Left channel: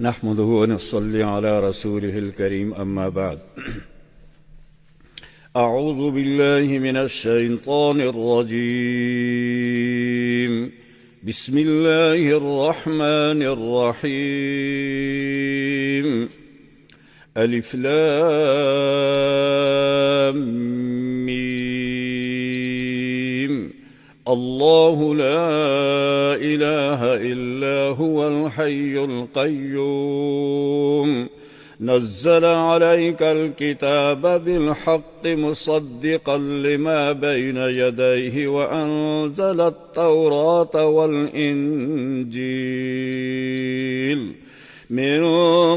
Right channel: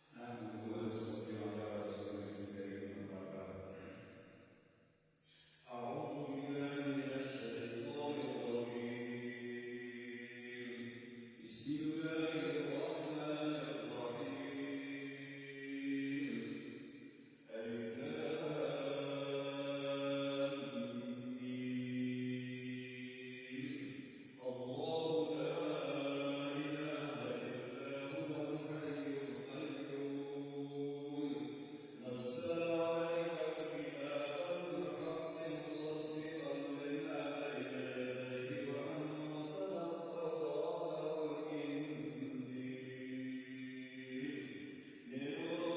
نحمده ونصلي على رسوله الكريم أما بعد أعوذ بالله من الشيطان الرجيم بسم الله الرحمن الرحيم ألف لام ميم الله لا إله إلا هو الحي القيوم نزل عليك الكتاب بالحق مصدقا لما بين يديه وأنزل التوراة والإنجيل من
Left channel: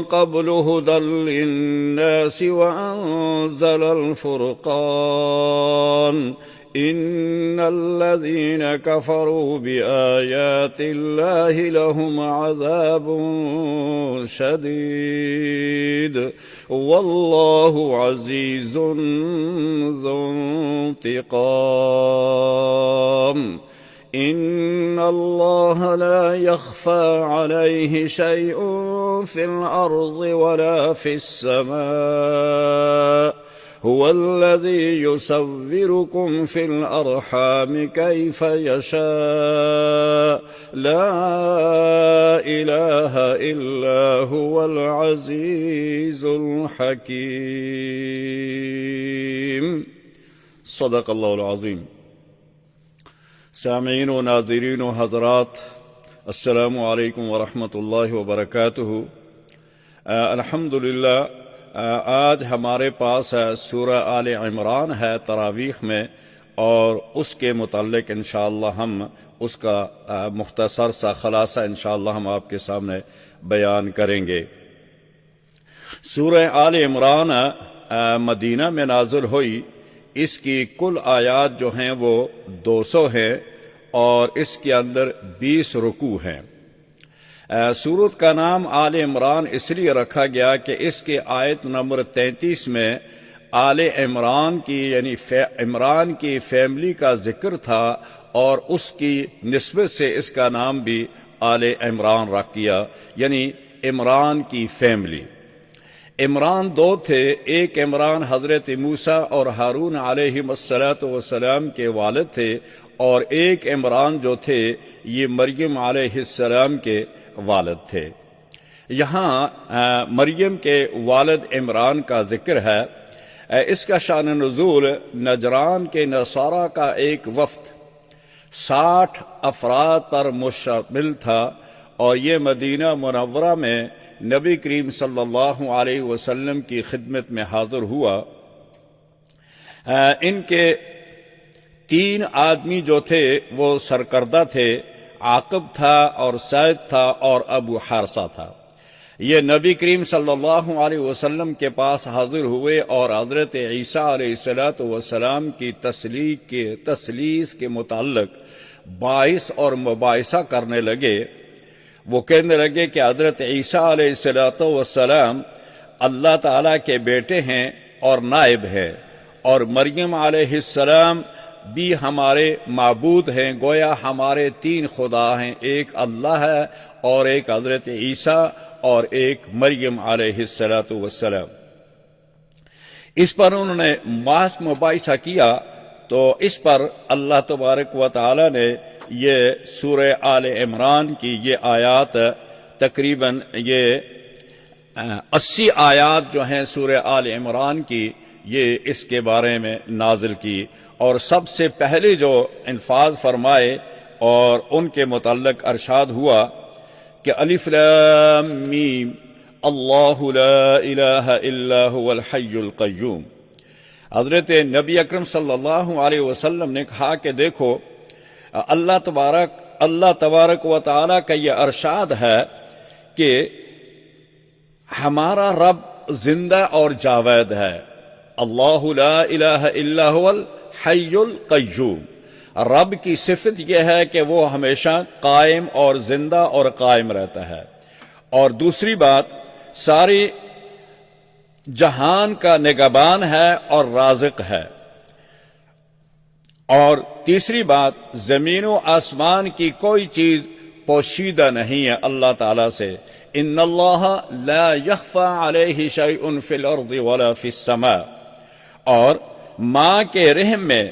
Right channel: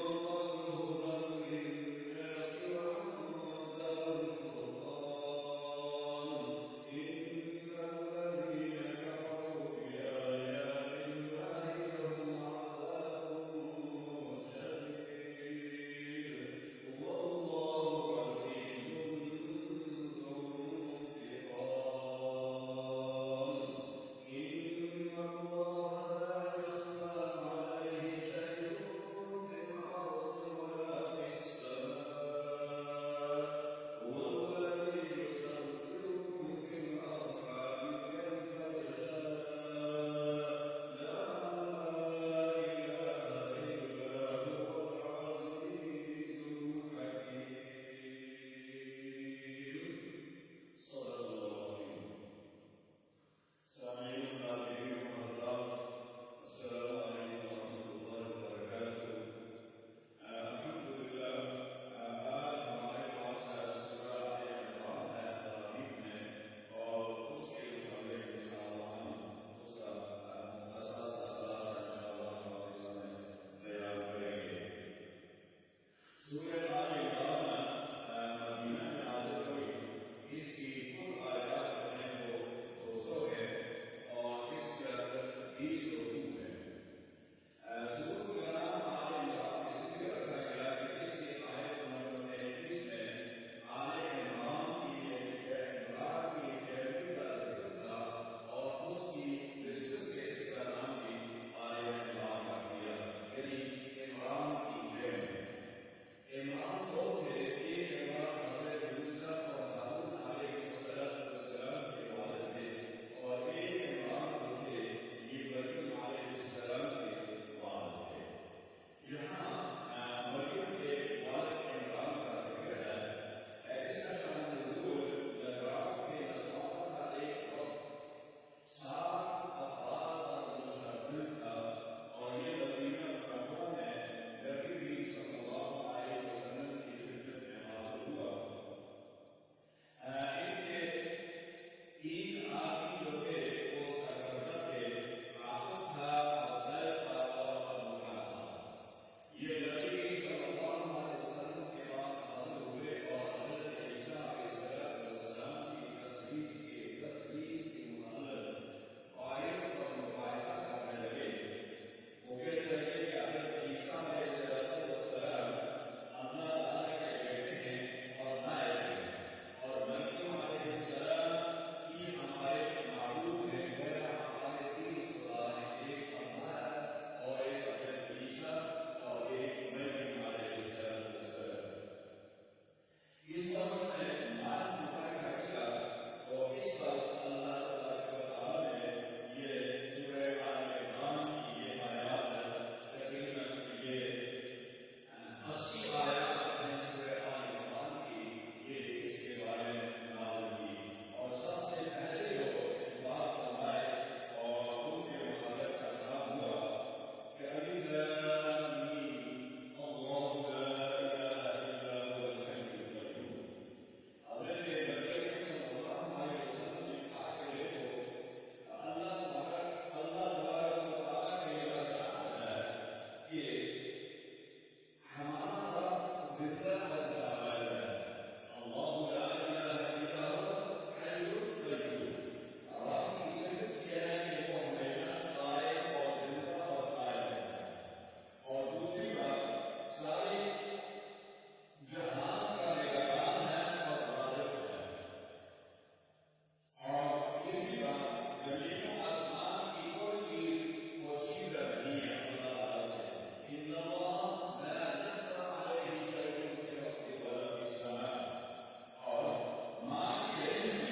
قبل هدى للناس وأنزل الفرقان إن الذين كفروا بآيات الله لهم عذاب شديد والله عزيز ذو انتقام إن الله لا يخفى عليه شيء في الأرض ولا في السماء هو الذي يصوركم في الأرحام كيف يشاء لا إله إلا هو العزيز الحكيم صدق الله العظيم. سامعین و ناظرین و حضرات، السلام علیکم ورحمۃ اللہ وبرکاتہ. الحمدللہ آج ہمارے پاس سورہ آل عمران ہے تراویح میں، اور اس کے متعلق انشاءاللہ ہم اس کا مختصر سا خلاصہ انشاءاللہ ہم آپ کے سامنے بیان کریں گے. سورہ آل عمران مدینہ میں نازل ہوئی. اس کی کل آیات جو ہیں وہ 200 ہیں اور اس کے اندر 20 رکوع ہیں. سورت کا نام آل عمران اس لیے رکھا گیا کہ اس کے آیت نمبر 33 میں آل عمران کی یعنی عمران کی فیملی کا ذکر تھا، اور اس کی نسبت سے اس کا نام بھی آل عمران رکھ دیا، یعنی عمران کی فیملی. عمران 2 تھے. ایک عمران حضرت موسیٰ اور ہارون علیہم السلام کے والد تھے، اور ایک عمران جو تھے یہ مریم علیہ السلام کے والد تھے. یہاں مریم کے والد عمران کا ذکر ہے. اس کا شان نزول نجران کے نصارہ کا ایک وفد 60 افراد پر مشتمل تھا، اور یہ مدینہ منورہ میں نبی کریم صلی اللہ علیہ وسلم کی خدمت میں حاضر ہوا. ان کے 3 آدمی جو تھے وہ سرکردہ تھے. عاقب تھا اور سعید تھا اور ابو حارثہ تھا. یہ نبی کریم صلی اللہ علیہ وسلم کے پاس حاضر ہوئے اور حضرت عیسیٰ علیہ السلام کی تثلیث کے متعلق باعث اور مباحثہ کرنے لگے. وہ کہنے لگے کہ حضرت عیسیٰ علیہ السلام اللہ تعالیٰ کے بیٹے ہیں اور نائب ہیں، اور مریم علیہ السلام بھی ہمارے معبود ہیں. گویا ہمارے 3 خدا ہیں، ایک اللہ ہے اور ایک حضرت عیسیٰ اور ایک مریم علیہ السلام. اس پر انہوں نے بحث مباحثہ کیا. تو اس پر اللہ تبارک و تعالی نے یہ سورہ آل عمران کی یہ آیات تقریباً یہ 80 آیات جو ہیں سورہ آل عمران کی، یہ اس کے بارے میں نازل کی. اور سب سے پہلے جو انفاذ فرمائے اور ان کے متعلق ارشاد ہوا کہ الف لام میم اللہ لا الہ الا هو الحی القیوم. حضرت نبی اکرم صلی اللہ علیہ وسلم نے کہا کہ دیکھو اللہ تبارک و تعالی کا یہ ارشاد ہے کہ ہمارا رب زندہ اور جاوید ہے. اللہ لا الہ الا هو الحی القیوم. رب کی صفت یہ ہے کہ وہ ہمیشہ قائم اور زندہ اور قائم رہتا ہے. اور دوسری بات ساری جہان کا نگہبان ہے اور رازق ہے. اور تیسری بات زمین و آسمان کی کوئی چیز پوشیدہ نہیں ہے اللہ تعالیٰ سے. ان اللہ لا یخفی علیہ شیء فی الارض ولا فی السماء، اور ماں کے رحم میں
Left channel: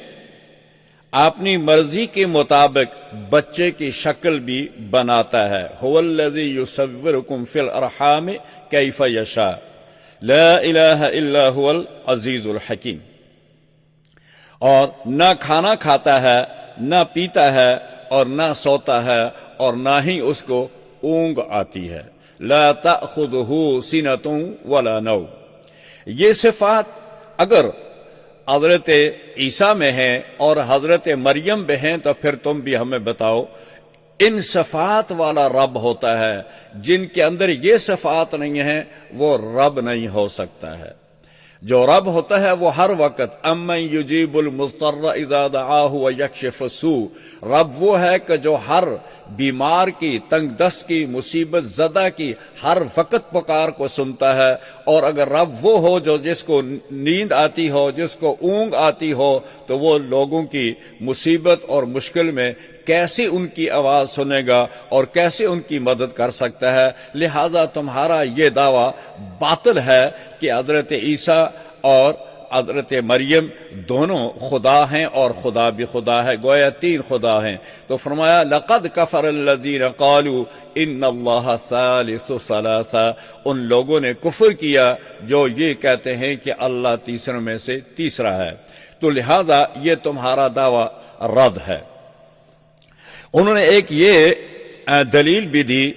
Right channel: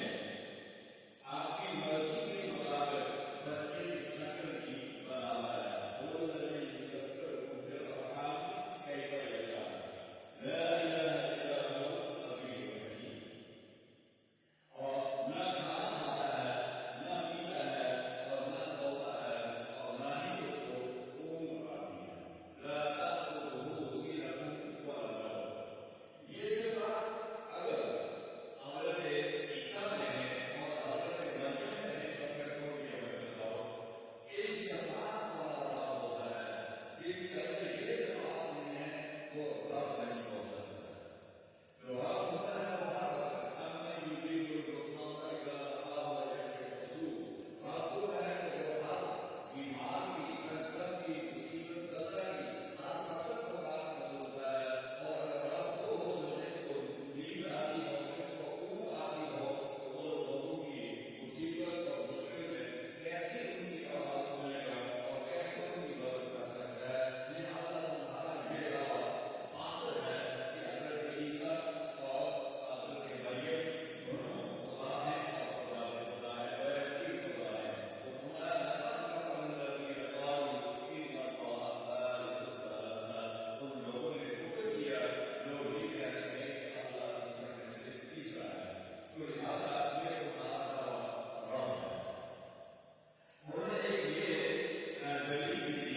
اپنی مرضی کے مطابق بچے کی شکل بھی بناتا ہے. هو الذی یصورکم فی الارحام کیف یشاء لا الہ الا هو العزیز الحکیم. اور نہ کھانا کھاتا ہے، نہ پیتا ہے، اور نہ سوتا ہے، اور نہ ہی اس کو اونگ آتی ہے. لا تأخذہ سنۃ ولا نوم. یہ صفات اگر حضرت عیسیٰ میں ہیں اور حضرت مریم میں ہیں تو پھر تم بھی ہمیں بتاؤ. ان صفات والا رب ہوتا ہے. جن کے اندر یہ صفات نہیں ہیں وہ رب نہیں ہو سکتا ہے. جو رب ہوتا ہے وہ ہر وقت امن یجیب المضطر اذا دعاہ ویکشف السوء. رب وہ ہے کہ جو ہر بیمار کی، تنگ دست کی، مصیبت زدہ کی ہر وقت پکار کو سنتا ہے. اور اگر رب وہ ہو جو جس کو نیند آتی ہو، جس کو اونگ آتی ہو، تو وہ لوگوں کی مصیبت اور مشکل میں کیسے ان کی آواز سنے گا اور کیسے ان کی مدد کر سکتا ہے. لہذا تمہارا یہ دعویٰ باطل ہے کہ حضرت عیسیٰ اور حضرت مریم دونوں خدا ہیں اور خدا بھی خدا ہے، گویا تین خدا ہیں. تو فرمایا لقد کفر الذین قالوا ان اللہ ثالث ثلاثہ. ان لوگوں نے کفر کیا جو یہ کہتے ہیں کہ اللہ تیسروں میں سے تیسرا ہے. تو لہذا یہ تمہارا دعویٰ رد ہے. انہوں نے ایک یہ دلیل بھی دی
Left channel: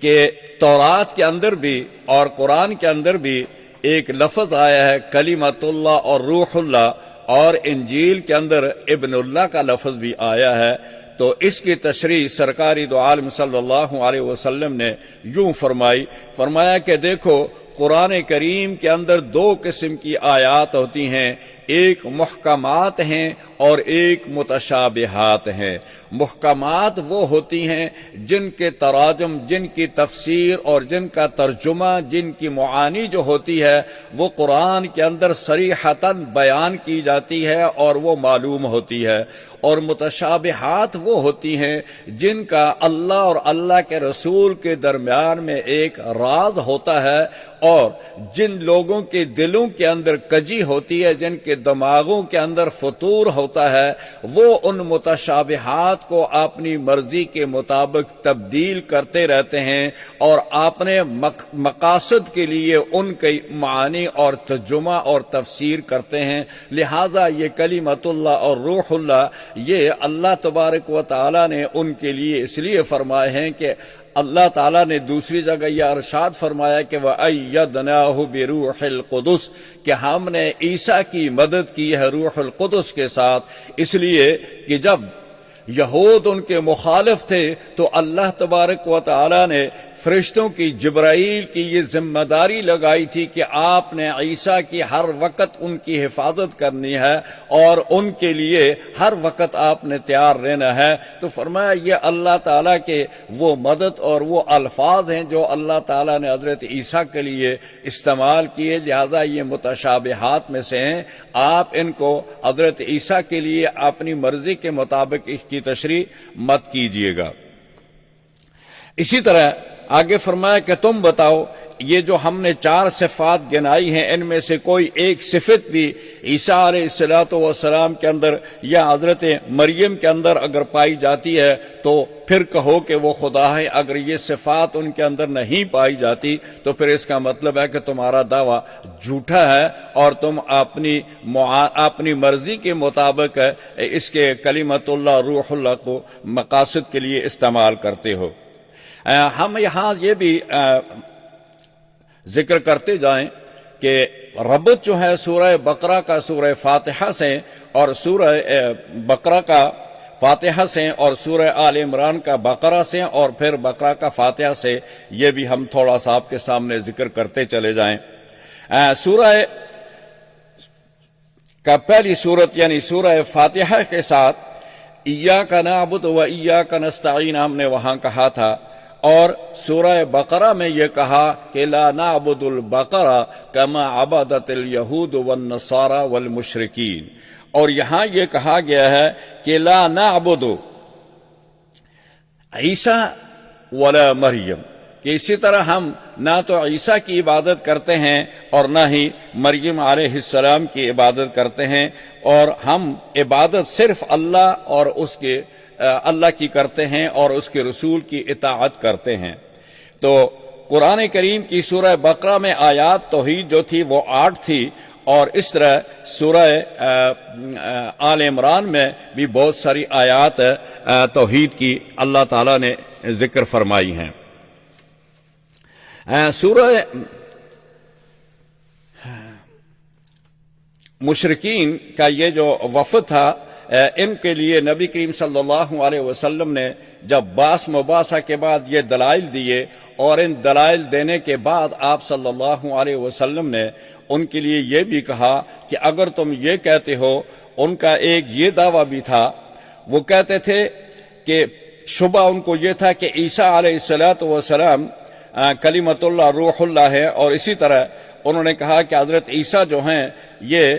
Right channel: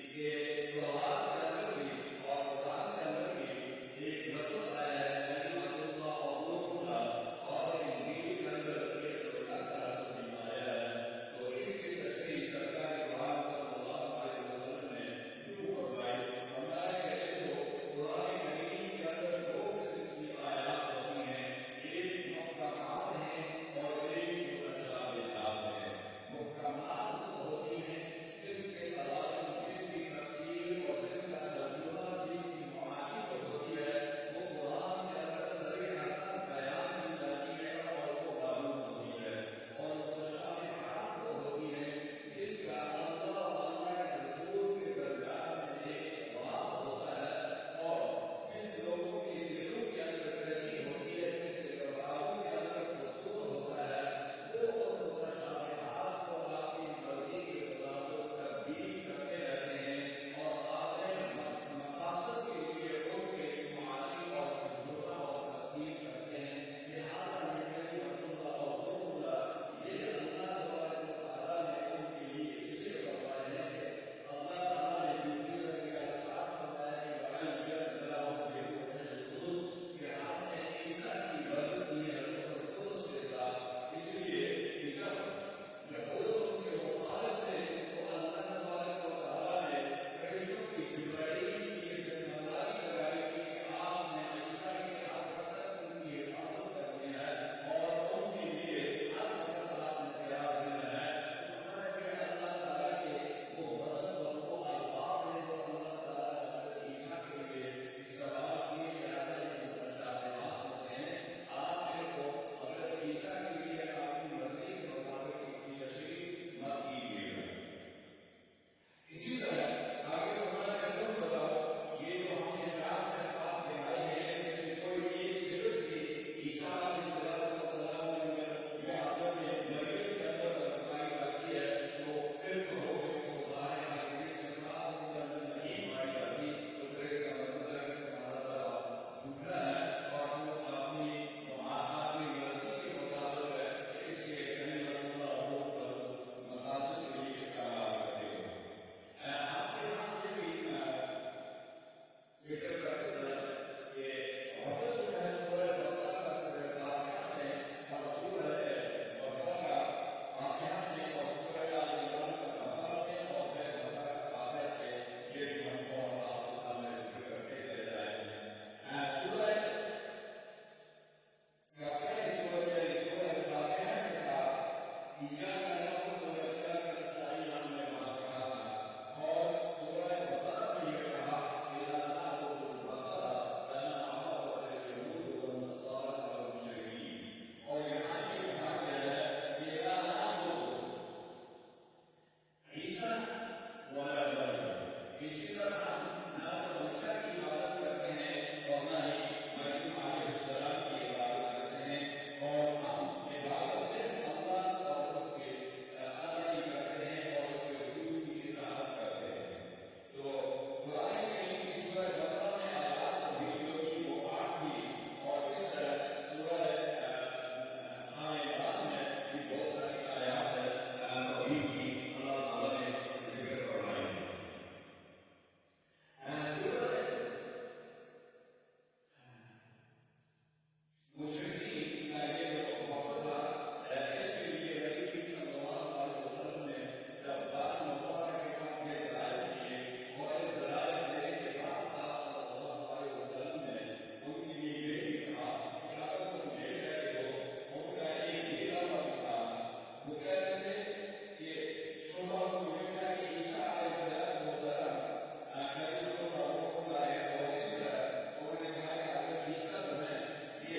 کہ تورات کے اندر بھی اور قرآن کے اندر بھی ایک لفظ آیا ہے کلمۃ اللہ اور روح اللہ، اور انجیل کے اندر ابن اللہ کا لفظ بھی آیا ہے. تو اس کی تشریح سرکاری دو عالم صلی اللہ علیہ وسلم نے یوں فرمایا کہ دیکھو قرآن کریم کے اندر دو قسم کی آیات ہوتی ہیں، ایک محکمات ہیں اور ایک متشابہات ہیں. محکمات وہ ہوتی ہیں جن کے تراجم، جن کی تفسیر اور جن کا ترجمہ، جن کی معانی جو ہوتی ہے وہ قرآن کے اندر صریحتاً بیان کی جاتی ہے اور وہ معلوم ہوتی ہے. اور متشابہات وہ ہوتی ہیں جن کا اللہ اور اللہ کے رسول کے درمیان میں ایک راز ہوتا ہے، اور جن لوگوں کے دلوں کے اندر کجی ہوتی ہے، جن کے دماغوں کے اندر فطور ہوتا ہے، وہ ان متشابہات کو اپنی مرضی کے مطابق تبدیل کرتے رہتے ہیں اور اپنے مقاصد کے لیے ان کے معانی اور ترجمہ اور تفسیر کرتے ہیں. لہذا یہ کلمۃ اللہ اور روح اللہ یہ اللہ تبارک و تعالی نے ان کے لیے اس لیے فرمائے ہیں کہ اللہ تعالیٰ نے دوسری جگہ یہ ارشاد فرمایا کہ وَأَيَّدْنَاهُ بِرُوحِ الْقُدُسِ، کہ ہم نے عیسیٰ کی مدد کی ہے روح القدس کے ساتھ. اس لیے کہ جب یہود ان کے مخالف تھے تو اللہ تبارک و تعالیٰ نے فرشتوں کی، جبرائیل کی یہ ذمہ داری لگائی تھی کہ آپ نے عیسیٰ کی ہر وقت ان کی حفاظت کرنی ہے اور ان کے لیے ہر وقت آپ نے تیار رہنا ہے. تو فرمایا یہ اللہ تعالیٰ کے وہ مدد اور وہ الفاظ ہیں جو اللہ تعالیٰ نے حضرت عیسیٰ کے لیے استعمال کیے. لہذا یہ متشابہات میں سے ہیں. آپ ان کو حضرت عیسیٰ کے لیے اپنی مرضی کے مطابق اس کی تشریح مت کیجیے گا. اسی طرح آگے فرمایا کہ تم بتاؤ یہ جو ہم نے 4 صفات گنائی ہیں ان میں سے کوئی ایک صفت بھی عیسیٰ علیہ السلام کے اندر یا حضرت مریم کے اندر اگر پائی جاتی ہے تو پھر کہو کہ وہ خدا ہے. اگر یہ صفات ان کے اندر نہیں پائی جاتی تو پھر اس کا مطلب ہے کہ تمہارا دعویٰ جھوٹا ہے اور تم اپنی مرضی کے مطابق اس کے کلمۃ اللہ روح اللہ کو مقاصد کے لیے استعمال کرتے ہو. ہم یہاں یہ بھی ذکر کرتے جائیں کہ ربط جو ہے سورہ بقرہ کا سورہ فاتحہ سے اور سورہ بقرہ کا فاتحہ سے اور سورہ آل عمران کا بقرہ سے اور پھر بقرہ کا فاتحہ سے، یہ بھی ہم تھوڑا سا آپ کے سامنے ذکر کرتے چلے جائیں. سورہ کا پہلی سورت یعنی سورہ فاتحہ کے ساتھ ایاک نعبد و ایاک نستعین ہم نے وہاں کہا تھا، اور سورہ بقرہ میں یہ کہا کہ لا نعبد البقرہ کما عبدت الیہود والنصارى والمشرکین. اور یہاں یہ کہا گیا ہے کہ لا نعبد عیسیٰ ولا مریم، کہ اسی طرح ہم نہ تو عیسیٰ کی عبادت کرتے ہیں اور نہ ہی مریم علیہ السلام کی عبادت کرتے ہیں، اور ہم عبادت صرف اللہ اور اس کے اللہ کی کرتے ہیں اور اس کے رسول کی اطاعت کرتے ہیں۔ تو قرآن کریم کی سورہ بقرہ میں آیات توحید جو تھی وہ 8 تھی، اور اس طرح سورہ آل عمران میں بھی بہت ساری آیات توحید کی اللہ تعالیٰ نے ذکر فرمائی ہیں۔ سورہ مشرکین کا یہ جو وفد تھا، ان کے لیے نبی کریم صلی اللہ علیہ وسلم نے جب باس مباحثہ کے بعد یہ دلائل دیے، اور ان دلائل دینے کے بعد آپ صلی اللہ علیہ وسلم نے ان کے لیے یہ بھی کہا کہ اگر تم یہ کہتے ہو، ان کا ایک یہ دعویٰ بھی تھا، وہ کہتے تھے کہ شبہ ان کو یہ تھا کہ عیسیٰ علیہ السلام کلمۃ اللہ روح اللہ ہے، اور اسی طرح انہوں نے کہا کہ حضرت عیسیٰ جو ہیں یہ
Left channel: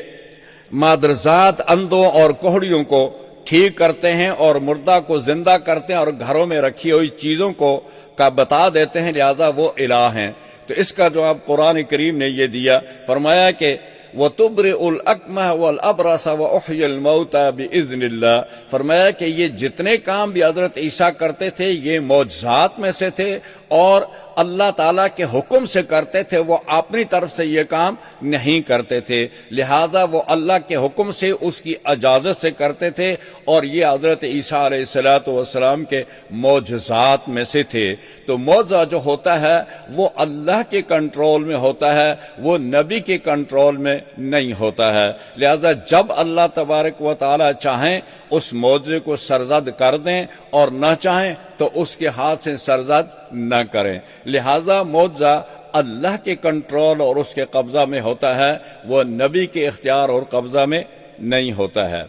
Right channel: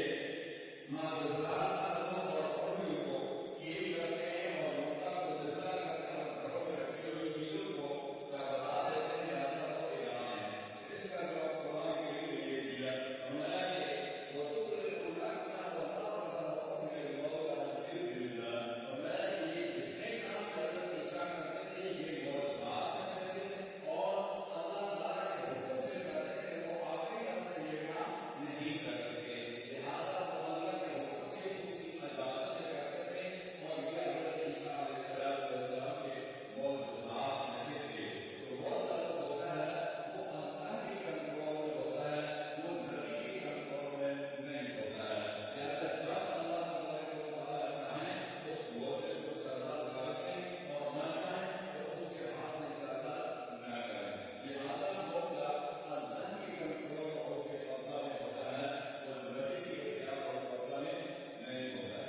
مادرزاد اندھوں اور کوہڑیوں کو ٹھیک کرتے ہیں اور مردہ کو زندہ کرتے ہیں اور گھروں میں رکھی ہوئی چیزوں کو کا بتا دیتے ہیں، لہذا وہ الہ ہیں۔ تو اس کا جواب قرآن کریم نے یہ دیا، فرمایا کہ وَتُبْرِئُ الْأَكْمَحَ وَالْأَبْرَصَ وَأُحْيِي الْمَوْتَى بِإِذْنِ اللَّهِ، فرمایا کہ یہ جتنے کام بھی حضرت عیسیٰ کرتے تھے یہ معجزات میں سے تھے، اور اللہ تعالیٰ کے حکم سے کرتے تھے، وہ اپنی طرف سے یہ کام نہیں کرتے تھے، لہذا وہ اللہ کے حکم سے اس کی اجازت سے کرتے تھے، اور یہ حضرت عیسیٰ علیہ السلام کے معجزات میں سے تھے۔ تو معجزہ جو ہوتا ہے وہ اللہ کے کنٹرول میں ہوتا ہے، وہ نبی کے کنٹرول میں نہیں ہوتا ہے، لہذا جب اللہ تبارک و تعالیٰ چاہیں اس معجزے کو سرزد کر دیں اور نہ چاہیں تو اس کے ہاتھ سے سرزد نہ کریں، لہذا معجزہ اللہ کے کنٹرول اور اس کے قبضہ میں ہوتا ہے، وہ نبی کے اختیار اور قبضہ میں نہیں ہوتا ہے۔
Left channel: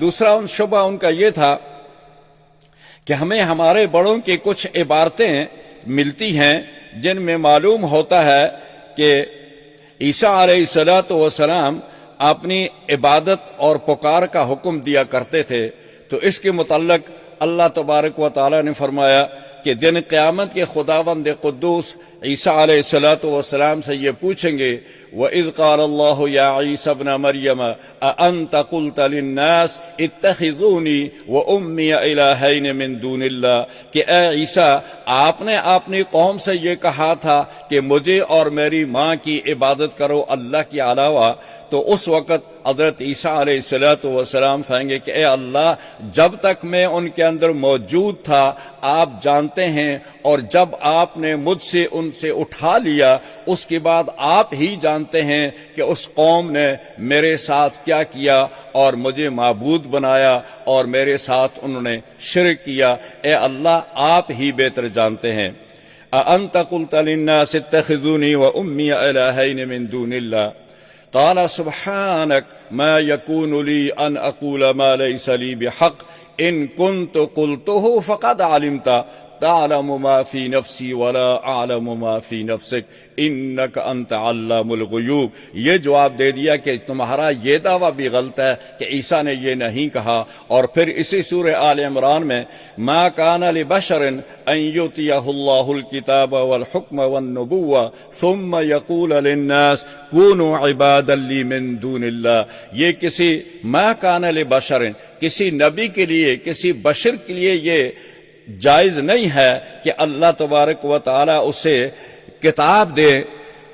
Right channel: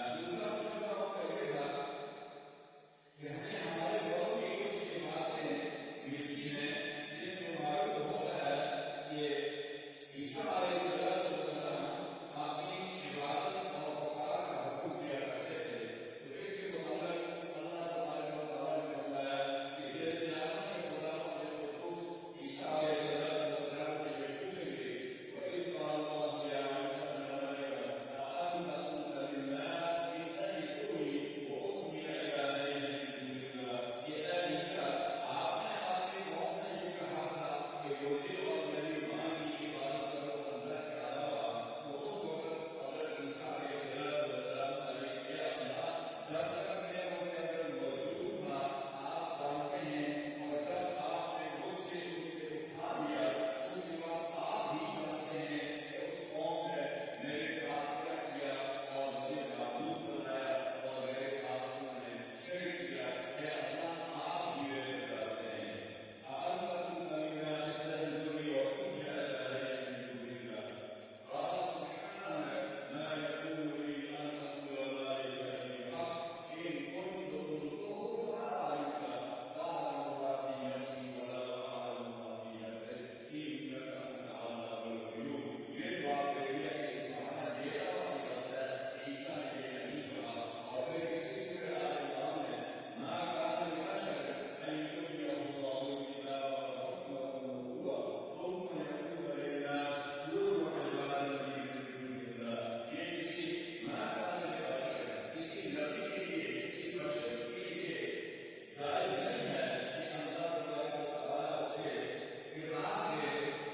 دوسرا شبہ ان کا یہ تھا کہ ہمیں ہمارے بڑوں کی کچھ عبارتیں ملتی ہیں جن میں معلوم ہوتا ہے کہ عیسیٰ علیہ السلام اپنی عبادت اور پکار کا حکم دیا کرتے تھے، تو اس کے متعلق اللہ تبارک و تعالیٰ نے فرمایا کہ دن قیامت کے خداوند قدوس عیسیٰ علیہ السلام سے یہ پوچھیں گے، وَإِذْ قَالَ اللَّهُ يَا عِيسَى ابْنَ مَرْيَمَ أَأَنْتَ قُلْتَ لِلنَّاسِ اتَّخِذُونِي وَأُمِّيَ إِلَٰهَيْنِ مِن دُونِ اللَّهِ، کہ اے عیسیٰ آپ نے اپنی قوم سے یہ کہا تھا کہ مجھے اور میری ماں کی عبادت کرو اللہ کے علاوہ، تو اس وقت حضرت عیسیٰ علیہ السلام کہیں گے کہ اے اللہ، جب تک میں ان کے اندر موجود تھا آپ جانتے ہیں، اور جب آپ نے مجھ سے ان سے اٹھا لیا اس کے بعد آپ ہی جانتے ہیں کہ اس قوم نے میرے ساتھ کیا کیا اور مجھے معبود بنایا اور میرے ساتھ انہوں نے شرک کیا، اے اللہ آپ ہی بہتر جانتے ہیں۔ أَأَنْتَ قُلْتَ لِلنَّاسِ اتَّخِذُونِي وَأُمِّيَ إِلَٰهَيْنِ مِن دُونِ اللَّهِ قال سبحانك ما يكون لي أن أقول ما ليس لي بحق إن كنت قلته فقد علمت تعلم ما في نفسي ولا أعلم ما في نفسك إنك أنت علام الغيوب۔ یہ جواب دے دیا کہ تمہارا یہ دعویٰ بھی غلط ہے کہ عیسیٰ نے یہ نہیں کہا، اور پھر اسی سورہ آل عمران میں ما كان لبشر أن يؤتيه الله الكتاب والحكم والنبوة ثم يقول للناس كونوا عبادا لي من دون الله، یہ کسی ما كان لبشر، کسی نبی کے لیے، کسی بشر کے لیے یہ جائز نہیں ہے کہ اللہ تبارک و تعالی اسے کتاب دے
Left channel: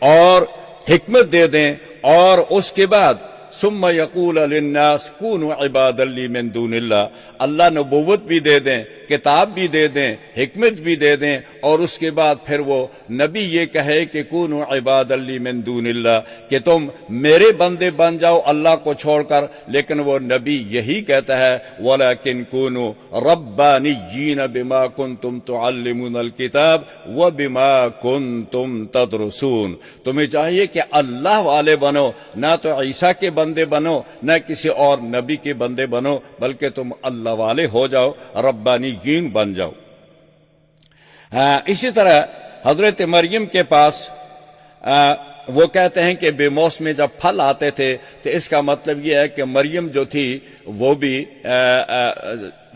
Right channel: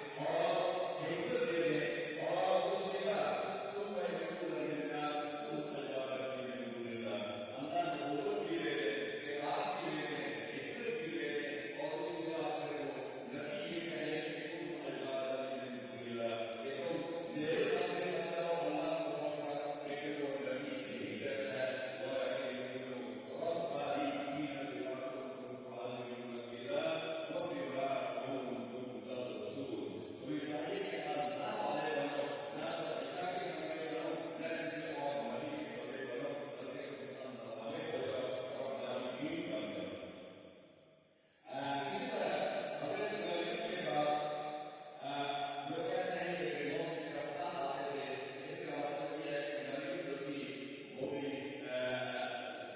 اور حکمت دے دیں اور اس کے بعد ثم یقول للناس کونوا عبادا لی من دون اللہ، اللہ نبوت بھی دے دیں، کتاب بھی دے دیں، حکمت بھی دے دیں، اور اس کے بعد پھر وہ نبی یہ کہے کہ کونوا عبادا لی من دون اللہ، کہ تم میرے بندے بن جاؤ اللہ کو چھوڑ کر، لیکن وہ نبی یہی کہتا ہے وَلَكِنْ كُونُوا رَبَّانِيِّينَ بِمَا كُنْتُمْ تُعَلِّمُونَ الْكِتَابَ وَبِمَا كُنْتُمْ تَدْرُسُونَ، تمہیں چاہیے کہ اللہ والے بنو، نہ تو عیسیٰ کے بندے بنو نہ کسی اور نبی کے بندے بنو، بلکہ تم اللہ والے ہو جاؤ، ربانیین بن جاؤ۔ اسی طرح حضرت مریم کے پاس وہ کہتے ہیں کہ بے موسم جب پھل آتے تھے تو اس کا مطلب یہ ہے کہ مریم جو تھی وہ بھی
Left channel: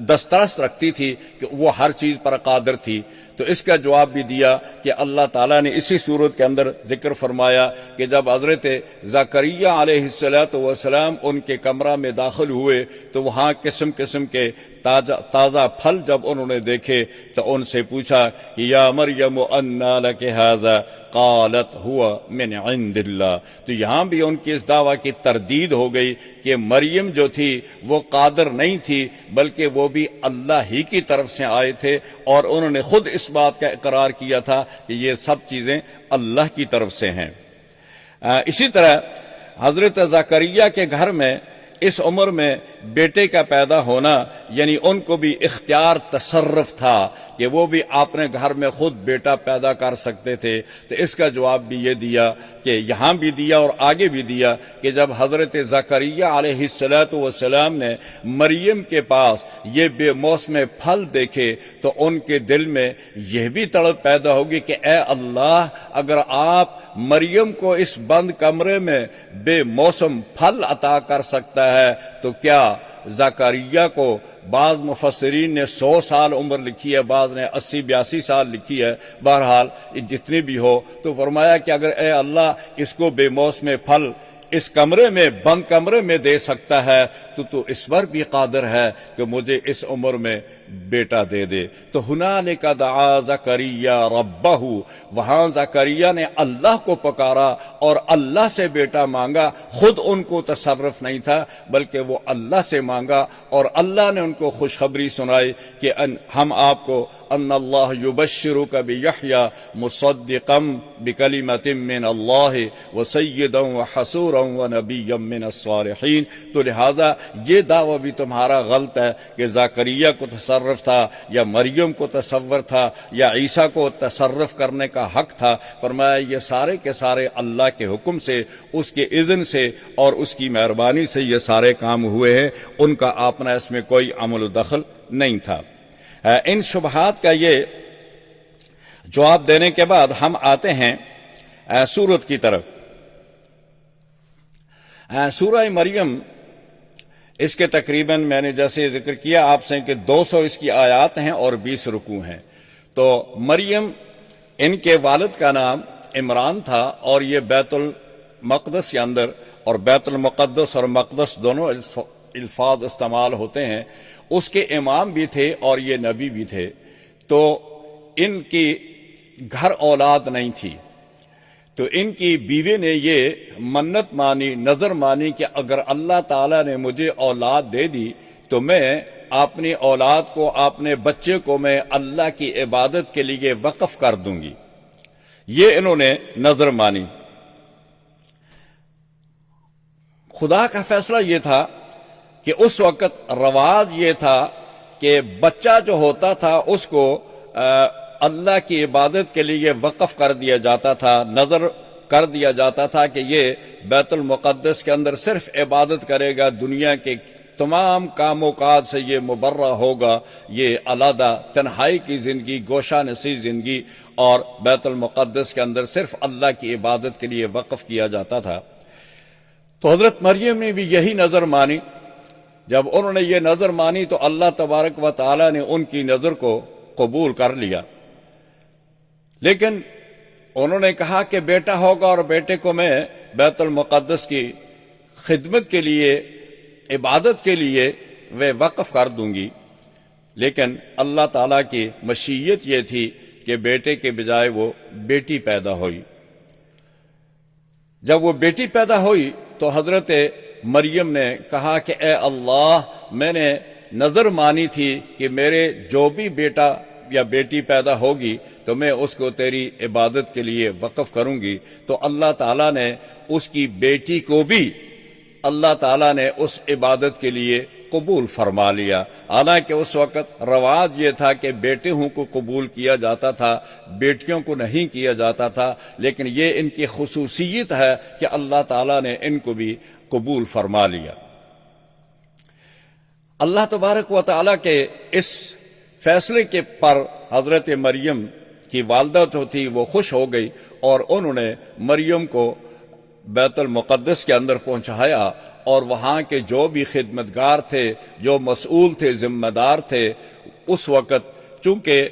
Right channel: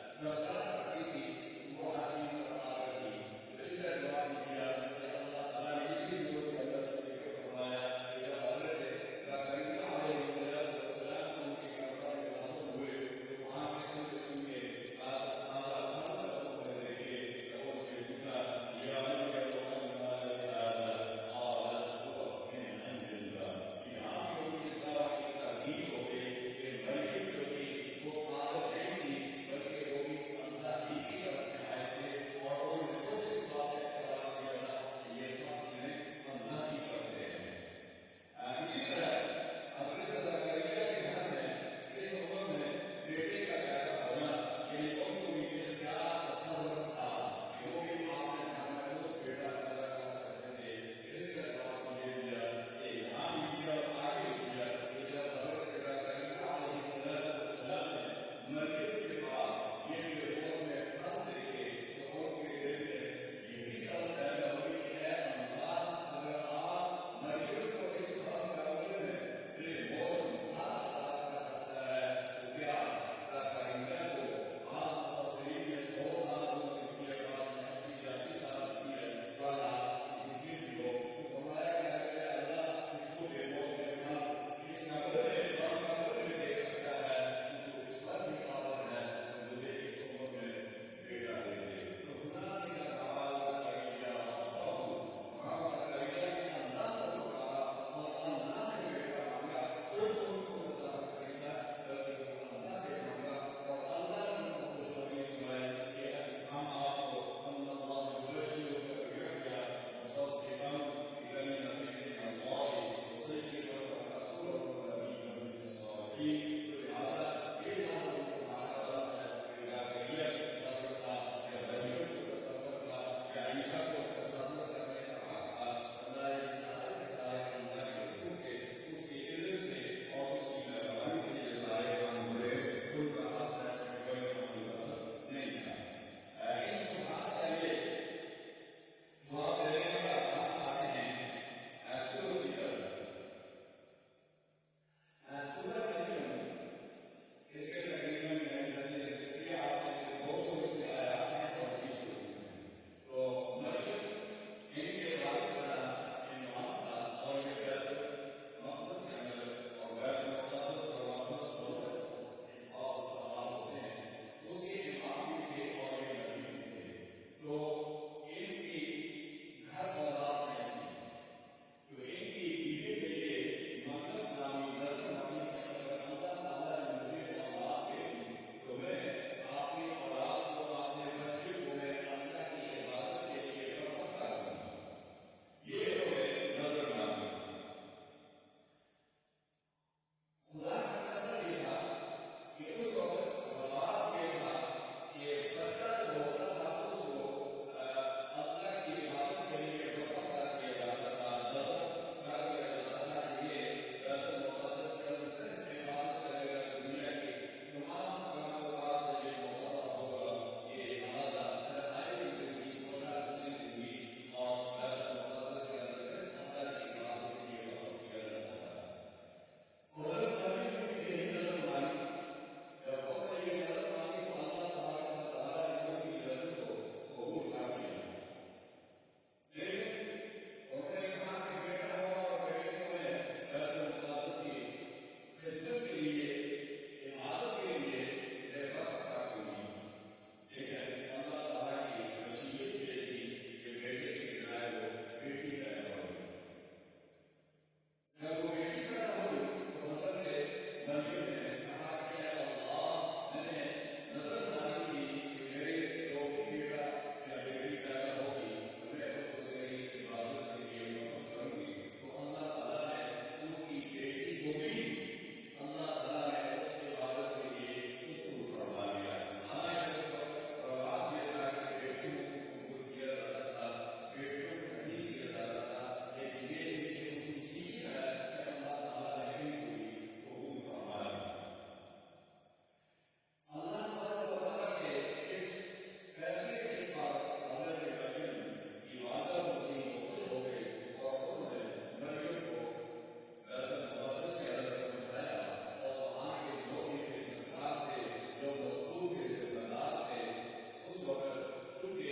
دسترس رکھتی تھی کہ وہ ہر چیز پر قادر تھی، تو اس کا جواب بھی دیا کہ اللہ تعالیٰ نے اسی صورت کے اندر ذکر فرمایا کہ جب حضرت زکریہ علیہ السلام ان کے کمرہ میں داخل ہوئے تو وہاں قسم قسم کے تازہ پھل جب انہوں نے دیکھے تو ان سے پوچھا کہ یا مریم انا لک ھذا قالت ہوا من عند اللہ. تو یہاں بھی ان کی اس دعویٰ کی تردید ہو گئی کہ مریم جو تھی وہ قادر نہیں تھی بلکہ وہ بھی اللہ ہی کی طرف سے آئے تھے، اور انہوں نے خود اس بات کا اقرار کیا تھا کہ یہ سب چیزیں اللہ کی طرف سے ہیں. اسی طرح حضرت زکریا کے گھر میں اس عمر میں بیٹے کا پیدا ہونا، یعنی ان کو بھی اختیار تصرف تھا کہ وہ بھی اپنے گھر میں خود بیٹا پیدا کر سکتے تھے. تو اس کا جواب بھی یہ دیا کہ یہاں بھی دیا اور آگے بھی دیا کہ جب حضرت زکریا علیہ السلام نے مریم کے پاس یہ بے موسم پھل دیکھے تو ان کے دل میں یہ بھی تڑپ پیدا ہوگی کہ اے اللہ، اگر آپ مریم کو اس بند کمرے میں بے موسم پھل عطا کر سکتا ہے تو کیا زکریا کو، بعض مفسرین نے 100 سال عمر لکھی ہے، بعض نے 80-82 سال لکھی ہے، بہرحال جتنی بھی ہو، تو فرمایا کہ اگر اے اللہ اس کو بے موسم پھل اس کمرے میں، بند کمرے میں دے سکتا ہے تو اس پر بھی قادر ہے کہ مجھے اس عمر میں بیٹا دے دے. تو ہنالک دعا زکریا ربہ، وہاں زکریا نے اللہ کو پکارا اور اللہ سے بیٹا مانگا. خود ان کو تصرف نہیں تھا بلکہ وہ اللہ سے مانگا، اور اللہ نے ان کو خوشخبری سنائی کہ ہم آپ کو ان اللہ یبشرک بیحییٰ مصدقا بکلمۃ من اللہ وسیدا وحصورا ونبیا من الصالحین. تو لہذا یہ دعویٰ بھی تمہارا غلط ہے کہ زکریا کو تصرف تھا یا مریم کو تصور تھا یا عیسیٰ کو تصرف کرنے کا حق تھا. فرمایا یہ سارے کے سارے اللہ کے حکم سے، اس کے اذن سے اور اس کی مہربانی سے یہ سارے کام ہوئے ہیں، ان کا اپنا اس میں کوئی عمل و دخل نہیں تھا. ان شبہات کا یہ جواب دینے کے بعد ہم آتے ہیں سورت کی طرف. سورہ مریم، اس کے تقریباً میں نے جیسے ذکر کیا آپ سے کہ 200 اس کی آیات ہیں اور 20 رکوع ہیں. تو مریم، ان کے والد کا نام عمران تھا، اور یہ بیت المقدس کے اندر، اور بیت المقدس اور مقدس دونوں الفاظ استعمال ہوتے ہیں، اس کے امام بھی تھے اور یہ نبی بھی تھے. تو ان کی گھر اولاد نہیں تھی، تو ان کی بیوی نے یہ منت مانی، نظر مانی کہ اگر اللہ تعالیٰ نے مجھے اولاد دے دی تو میں اپنی اولاد کو، اپنے بچے کو میں اللہ کی عبادت کے لیے وقف کر دوں گی. یہ انہوں نے نظر مانی. خدا کا فیصلہ یہ تھا کہ اس وقت رواج یہ تھا کہ بچہ جو ہوتا تھا اس کو اللہ کی عبادت کے لیے وقف کر دیا جاتا تھا، نظر کر دیا جاتا تھا کہ یہ بیت المقدس کے اندر صرف عبادت کرے گا، دنیا کے تمام کام و کاج سے یہ مبرہ ہوگا، یہ علیحدہ تنہائی کی زندگی، گوشہ نشین زندگی، اور بیت المقدس کے اندر صرف اللہ کی عبادت کے لیے وقف کیا جاتا تھا. تو حضرت مریم نے بھی یہی نظر مانی. جب انہوں نے یہ نظر مانی تو اللہ تبارک و تعالی نے ان کی نظر کو قبول کر لیا. لیکن انہوں نے کہا کہ بیٹا ہوگا اور بیٹے کو میں بیت المقدس کی خدمت کے لیے، عبادت کے لیے وہ وقف کر دوں گی. لیکن اللہ تعالیٰ کی مشیت یہ تھی کہ بیٹے کے بجائے وہ بیٹی پیدا ہوئی. جب وہ بیٹی پیدا ہوئی تو حضرت مریم نے کہا کہ اے اللہ، میں نے نظر مانی تھی کہ میرے جو بھی بیٹا یا بیٹی پیدا ہوگی تو میں اس کو تیری عبادت کے لیے وقف کروں گی. تو اللہ تعالیٰ نے اس کی بیٹی کو بھی اللہ تعالیٰ نے اس عبادت کے لیے قبول فرما لیا. حالانکہ اس وقت رواج یہ تھا کہ بیٹوں کو قبول کیا جاتا تھا، بیٹیوں کو نہیں کیا جاتا تھا، لیکن یہ ان کی خصوصیت ہے کہ اللہ تعالیٰ نے ان کو بھی قبول فرما لیا. اللہ تبارک و تعالیٰ کے اس فیصلے کے پر حضرت مریم کی والدہ جو تھی وہ خوش ہو گئی، اور انہوں نے مریم کو بیت المقدس کے اندر پہنچایا، اور وہاں کے جو بھی خدمتگار تھے، جو مسئول تھے، ذمہ دار تھے، اس وقت چونکہ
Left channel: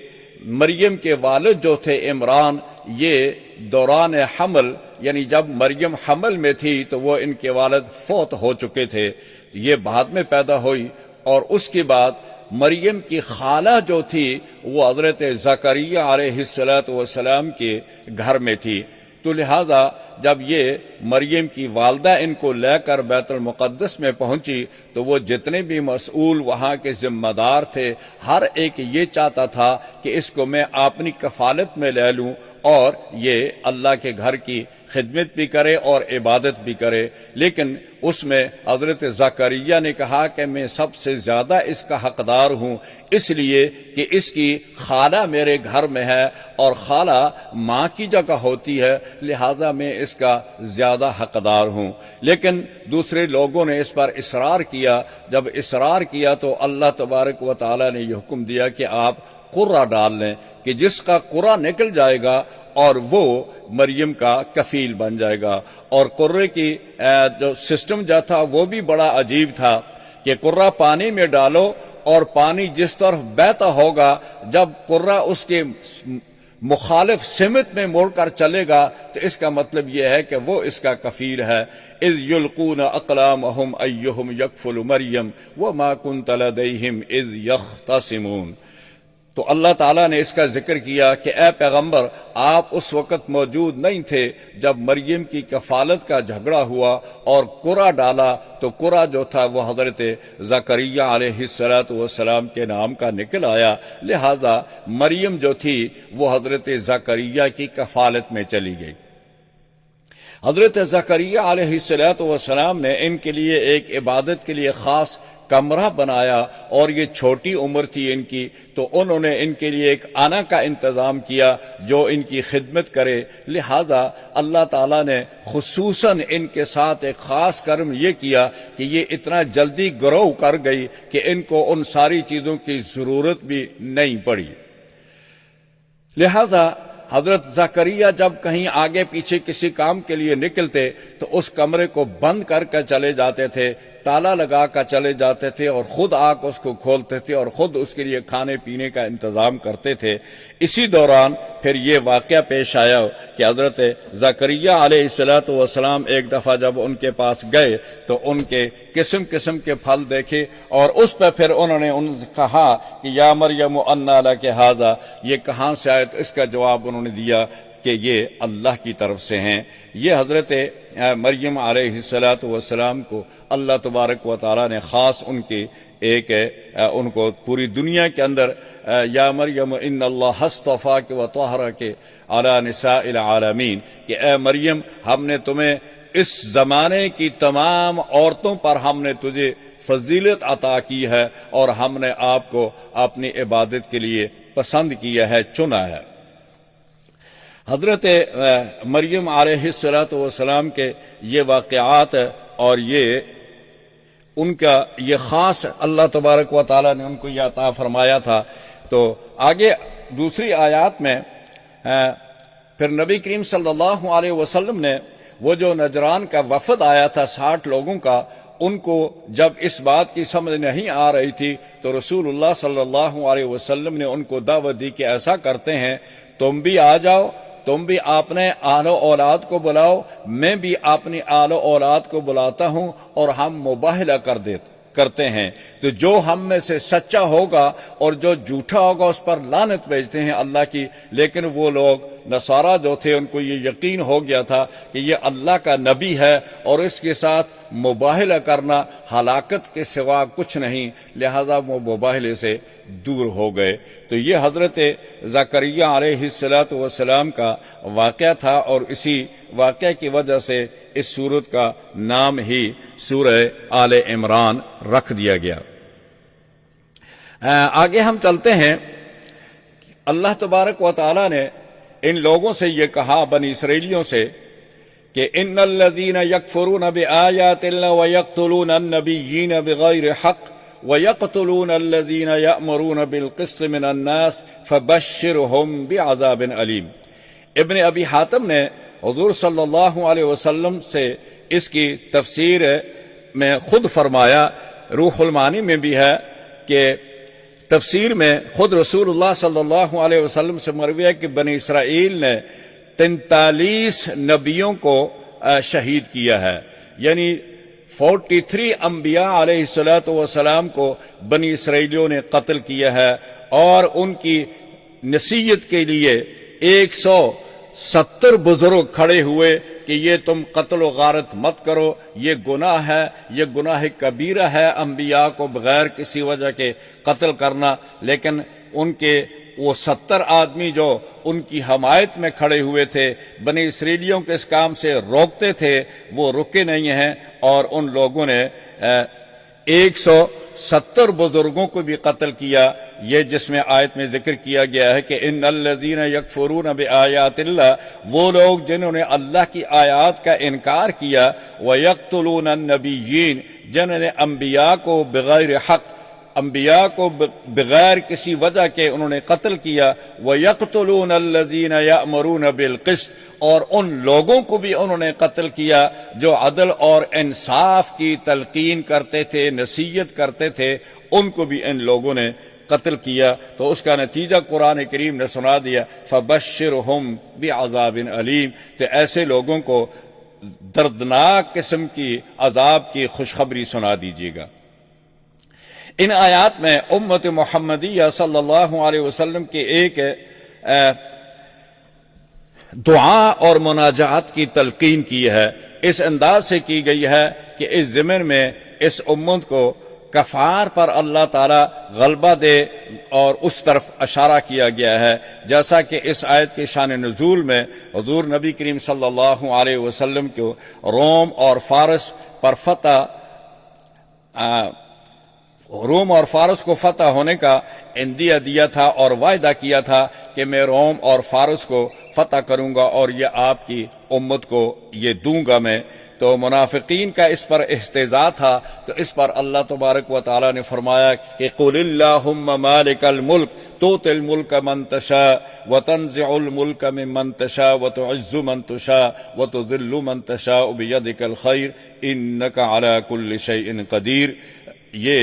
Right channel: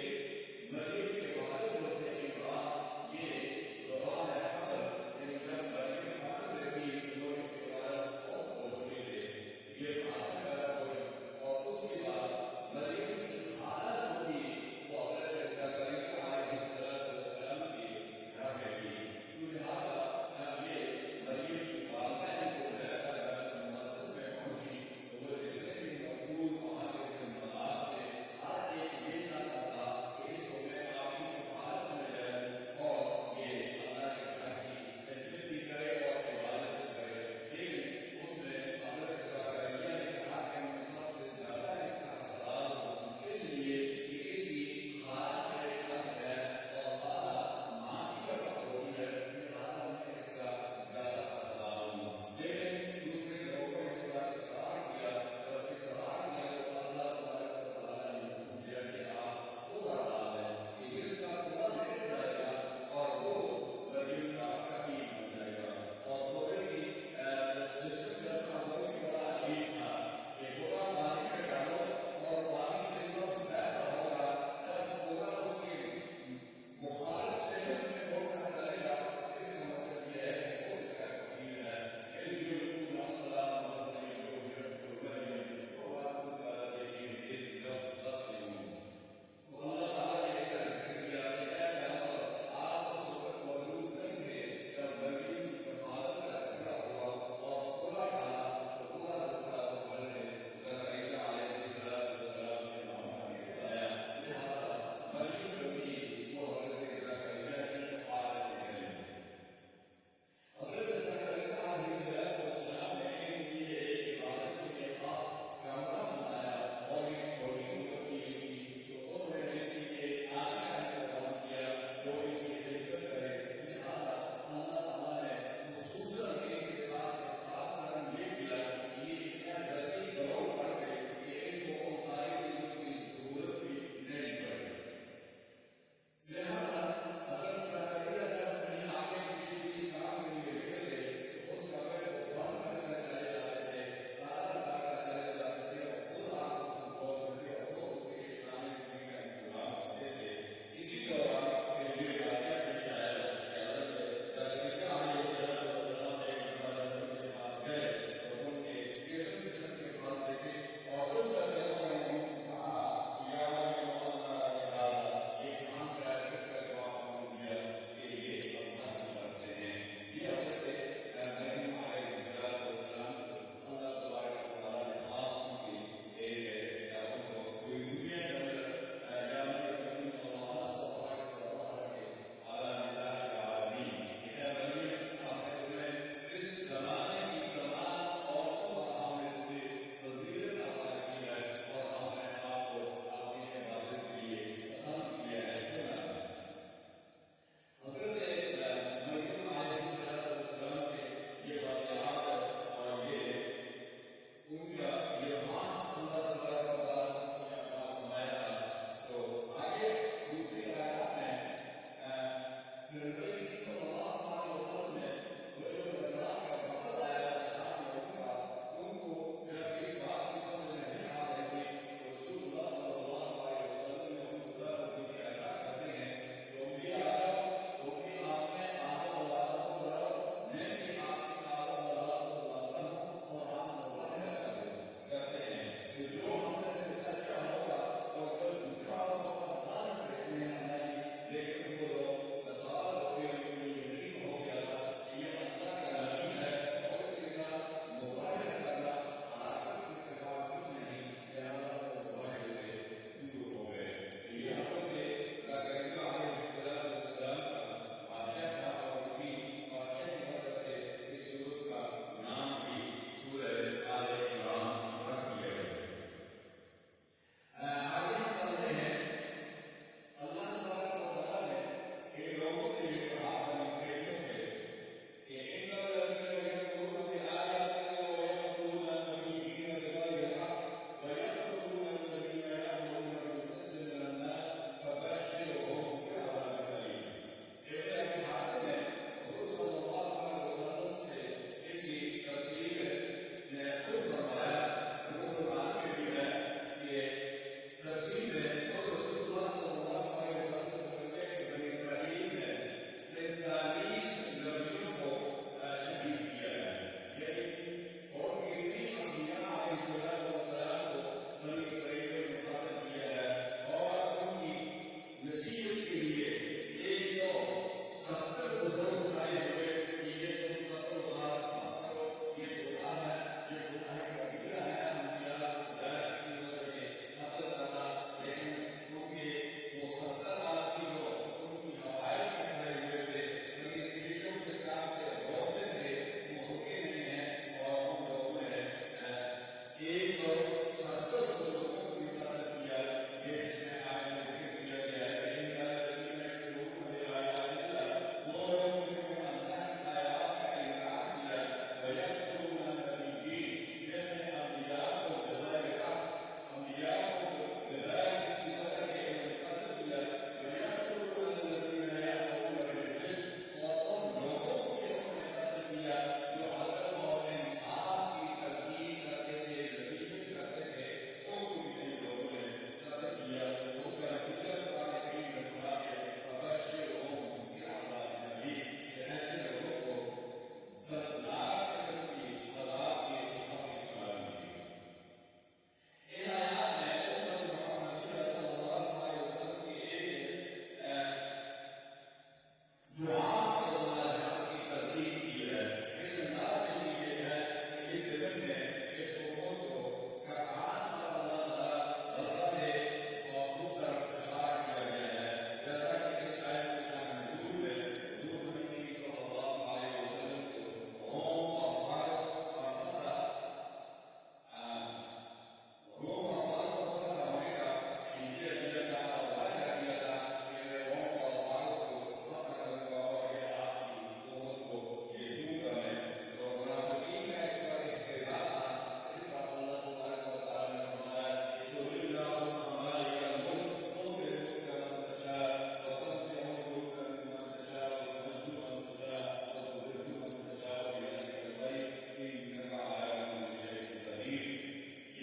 مریم کے والد جو تھے عمران، یہ دوران حمل یعنی جب مریم حمل میں تھی تو وہ ان کے والد فوت ہو چکے تھے، یہ بعد میں پیدا ہوئی، اور اس کے بعد مریم کی خالہ جو تھی وہ حضرت زکریا علیہ السلام کے گھر میں تھی، تو لہذا جب یہ مریم کی والدہ ان کو لے کر بیت المقدس میں پہنچی تو وہ جتنے بھی مسئول وہاں کے ذمہ دار تھے ہر ایک یہ چاہتا تھا کہ اس کو میں اپنی کفالت میں لے لوں اور یہ اللہ کے گھر کی خدمت بھی کرے اور عبادت بھی کرے، لیکن اس میں حضرت زکریا نے کہا کہ میں سب سے زیادہ اس کا حقدار ہوں، اس لیے کہ اس کی خالہ میرے گھر میں ہے اور خالہ ماں کی جگہ ہوتی ہے، لہذا میں اس کا زیادہ حقدار ہوں۔ لیکن دوسرے لوگوں نے اس پر اصرار کیا، جب اصرار کیا تو اللہ تبارک و تعالی نے یہ حکم دیا کہ آپ قرہ ڈال لیں کہ جس کا قرہ نکل جائے گا اور وہ مریم کا کفیل بن جائے گا۔ اور قرے کی جو سسٹم جو تھا وہ بھی بڑا عجیب تھا کہ قرہ پانی میں ڈالو اور پانی جس طرف بہتا ہوگا جب قرہ اس کے مخالف سمت میں مڑ کر چلے گا تو اس کا مطلب یہ ہے کہ وہ اس کا کفیل ہے۔ اذ یلقون اقلامہم ایہم یکفل مریم وما کنت لدیہم اذ یختصمون۔ تو اللہ تعالیٰ نے اس کا ذکر کیا کہ اے پیغمبر آپ اس وقت موجود نہیں تھے جب مریم کی کفالت کا جھگڑا ہوا اور قرہ ڈالا، تو قرہ جو تھا وہ حضرت زکریا علیہ السلام کے نام کا نکل آیا، لہذا مریم جو تھی وہ حضرت زکریا کی کفالت میں چلی گئی۔ حضرت زکریا علیہ السلام نے ان کے لیے ایک عبادت کے لیے خاص کمرہ بنایا، اور یہ چھوٹی عمر تھی ان کی، تو انہوں نے ان کے لیے ایک آنا کا انتظام کیا جو ان کی خدمت کرے، لہذا اللہ تعالیٰ نے خصوصاً ان کے ساتھ ایک خاص کرم یہ کیا کہ یہ اتنا جلدی گرو کر گئی کہ ان کو ان ساری چیزوں کی ضرورت بھی نہیں پڑی۔ لہذا حضرت زکریا جب کہیں آگے پیچھے کسی کام کے لیے نکلتے تو اس کمرے کو بند کر کے چلے جاتے تھے، تالا لگا کر چلے جاتے تھے اور خود آ کر اس کو کھولتے تھے اور خود اس کے لیے کھانے پینے کا انتظام کرتے تھے۔ اسی دوران پھر یہ واقعہ پیش آیا کہ حضرت زکریا علیہ السلام ایک دفعہ جب ان کے پاس گئے تو ان کے قسم قسم کے پھل دیکھے، اور اس پہ پھر انہوں نے ان سے کہا کہ یا مریم انا لک ھذا، یہ کہاں سے آئے؟ تو اس کا جواب انہوں نے دیا کہ یہ اللہ کی طرف سے ہیں۔ یہ حضرت مریم علیہ السلام کو اللہ تبارک و تعالیٰ نے خاص ان کی ایک ان کو پوری دنیا کے اندر یا مریم ان اللہ اصطفاک و طہرک علی نساء العالمین، کہ اے مریم ہم نے تمہیں اس زمانے کی تمام عورتوں پر ہم نے تجھے فضیلت عطا کی ہے اور ہم نے آپ کو اپنی عبادت کے لیے پسند کیا ہے، چنا ہے۔ حضرت مریم علیہ السلام کے یہ واقعات اور یہ ان کا یہ خاص اللہ تبارک و تعالیٰ نے ان کو یہ عطا فرمایا تھا۔ تو آگے دوسری آیات میں پھر نبی کریم صلی اللہ علیہ وسلم نے وہ جو نجران کا وفد آیا تھا 60 لوگوں کا، ان کو جب اس بات کی سمجھ نہیں آ رہی تھی تو رسول اللہ صلی اللہ علیہ وسلم نے ان کو دعوت دی کہ ایسا کرتے ہیں تم بھی آ جاؤ، تم بھی اپنے آل و اولاد کو بلاؤ، میں بھی اپنی آل و اولاد کو بلاتا ہوں اور ہم مباہلہ کرتے ہیں، تو جو ہم میں سے سچا ہوگا اور جو جھوٹا ہوگا اس پر لعنت بھیجتے ہیں اللہ کی۔ لیکن وہ لوگ نصارہ جو تھے ان کو یہ یقین ہو گیا تھا کہ یہ اللہ کا نبی ہے اور اس کے ساتھ مباہلہ کرنا ہلاکت کے سوا کچھ نہیں، لہذا وہ مباہلے سے دور ہو گئے۔ تو یہ حضرت زکریا علیہ السلام کا واقعہ تھا، اور اسی واقعہ کی وجہ سے اس سورت کا نام ہی سورہ آل عمران رکھ دیا گیا۔ آگے ہم چلتے ہیں۔ اللہ تبارک و تعالی نے ان لوگوں سے یہ کہا، بنی اسرائیلیوں سے، کہ ان الذین یکفرون بآیات اللہ ویقتلون النبیین بغیر حق وَيَقْتُلُونَ الَّذِينَ يَأْمُرُونَ بِالْقِسْطِ مِنَ النَّاسِ فَبَشِّرْهُمْ بِعَذَابٍ عَلِيمٍ۔ ابن ابی حاتم نے حضور صلی اللہ علیہ وسلم سے اس کی تفسیر میں خود فرمایا، روح المعانی میں بھی ہے، کہ تفسیر میں خود رسول اللہ صلی اللہ علیہ وسلم سے مروی ہے کہ بنی اسرائیل نے 43 نبیوں کو شہید کیا ہے، یعنی 43 انبیاء علیہ الصلوۃ والسلام کو بنی اسرائیلیوں نے قتل کیا ہے، اور ان کی نصیحت کے لیے 170 بزرگ کھڑے ہوئے کہ یہ تم قتل و غارت مت کرو، یہ گناہ ہے، یہ گناہ کبیرہ ہے انبیاء کو بغیر کسی وجہ کے قتل کرنا۔ لیکن ان کے وہ 70 آدمی جو ان کی حمایت میں کھڑے ہوئے تھے، بنی اسرائیلیوں کے اس کام سے روکتے تھے، وہ رکے نہیں ہیں، اور ان لوگوں نے 170 بزرگوں کو بھی قتل کیا۔ یہ جس میں آیت میں ذکر کیا گیا ہے کہ ان الذین یکفرون بآیات اللہ، وہ لوگ جنہوں نے اللہ کی آیات کا انکار کیا، ویقتلون النبیین، جنہوں نے انبیاء کو بغیر حق، انبیاء کو بغیر کسی وجہ کے انہوں نے قتل کیا، وَيَقْتُلُونَ الَّذِينَ يَأْمُرُونَ بِالْقِسْطِ، اور ان لوگوں کو بھی انہوں نے قتل کیا جو عدل اور انصاف کی تلقین کرتے تھے، نصیحت کرتے تھے، ان کو بھی ان لوگوں نے قتل کیا۔ تو اس کا نتیجہ قرآن کریم نے سنا دیا، فَبَشِّرْهُمْ بِعَذَابٍ عَلِيمٍ، تو ایسے لوگوں کو دردناک قسم کی عذاب کی خوشخبری سنا دیجیے گا۔ ان آیات میں امت محمدیہ صلی اللہ علیہ وسلم کے ایک دعا اور مناجات کی تلقین کی ہے، اس انداز سے کی گئی ہے کہ اس ضمن میں اس امت کو کفار پر اللہ تعالی غلبہ دے، اور اس طرف اشارہ کیا گیا ہے، جیسا کہ اس آیت کے شان نزول میں حضور نبی کریم صلی اللہ علیہ وسلم کو روم اور فارس پر روم اور فارس کو فتح ہونے کا عندیہ دیا تھا اور وعدہ کیا تھا کہ میں روم اور فارس کو فتح کروں گا اور یہ آپ کی امت کو یہ دوں گا میں۔ تو منافقین کا اس پر استہزاء تھا، تو اس پر اللہ تبارک و تعالی نے فرمایا کہ قُلِ اللَّهُمَّ مَالِكَ الْمُلْكِ تُؤْتِي الْمُلْكَ مَن تَشَاءُ وَتَنزِعُ الْمُلْكَ مِمَّن تَشَاءُ وَتُعِزُّ مَن تَشَاءُ وَتُذِلُّ مَن تَشَاءُ بِيَدِكَ الْخَيْرُ إِنَّكَ عَلَى كُلِّ شَيْءٍ قَدِيرٌ۔ یہ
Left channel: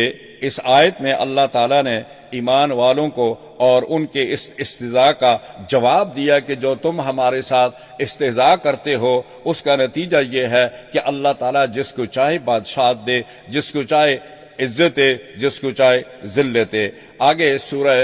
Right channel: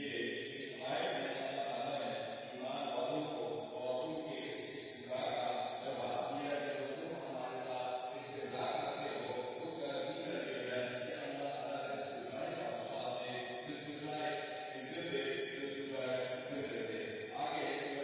اس آیت میں اللہ تعالیٰ نے ایمان والوں کو اور ان کے اس استہزاء کا جواب دیا کہ جو تم ہمارے ساتھ استہزاء کرتے ہو، اس کا نتیجہ یہ ہے کہ اللہ تعالیٰ جس کو چاہے بادشاہت دے، جس کو چاہے عزت دے، جس کو چاہے ذلت دے۔ آگے سورہ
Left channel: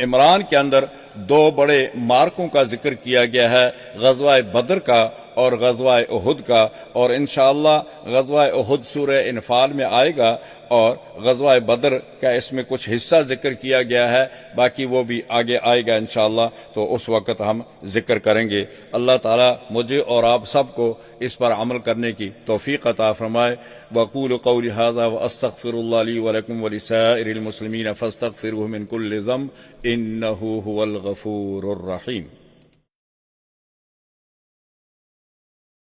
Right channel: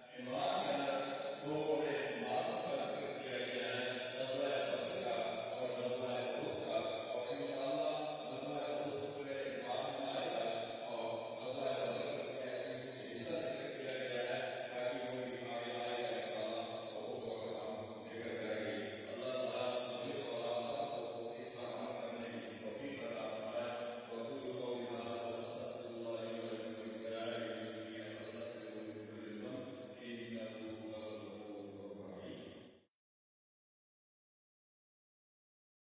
عمران کے اندر 2 بڑے مارکوں کا ذکر کیا گیا ہے، غزوہ بدر کا اور غزوہ احد کا، اور انشاءاللہ غزوہ احد سورہ انفال میں آئے گا، اور غزوہ بدر کا اس میں کچھ حصہ ذکر کیا گیا ہے، باقی وہ بھی آگے آئے گا انشاءاللہ، تو اس وقت ہم ذکر کریں گے۔ اللہ تعالیٰ مجھے اور آپ سب کو اس پر عمل کرنے کی توفیق عطا فرمائے۔ وَقُولُ قَوْلِ هَذَا وَأَسْتَغْفِرُ اللَّهَ لِي وَلَكُمْ وَلِسَائِرِ الْمُسْلِمِينَ فَاسْتَغْفِرُوهُ مِنْ كُلِّ ذَنبٍ إِنَّهُ هُوَ الْغَفُورُ الرَّحِيمُ۔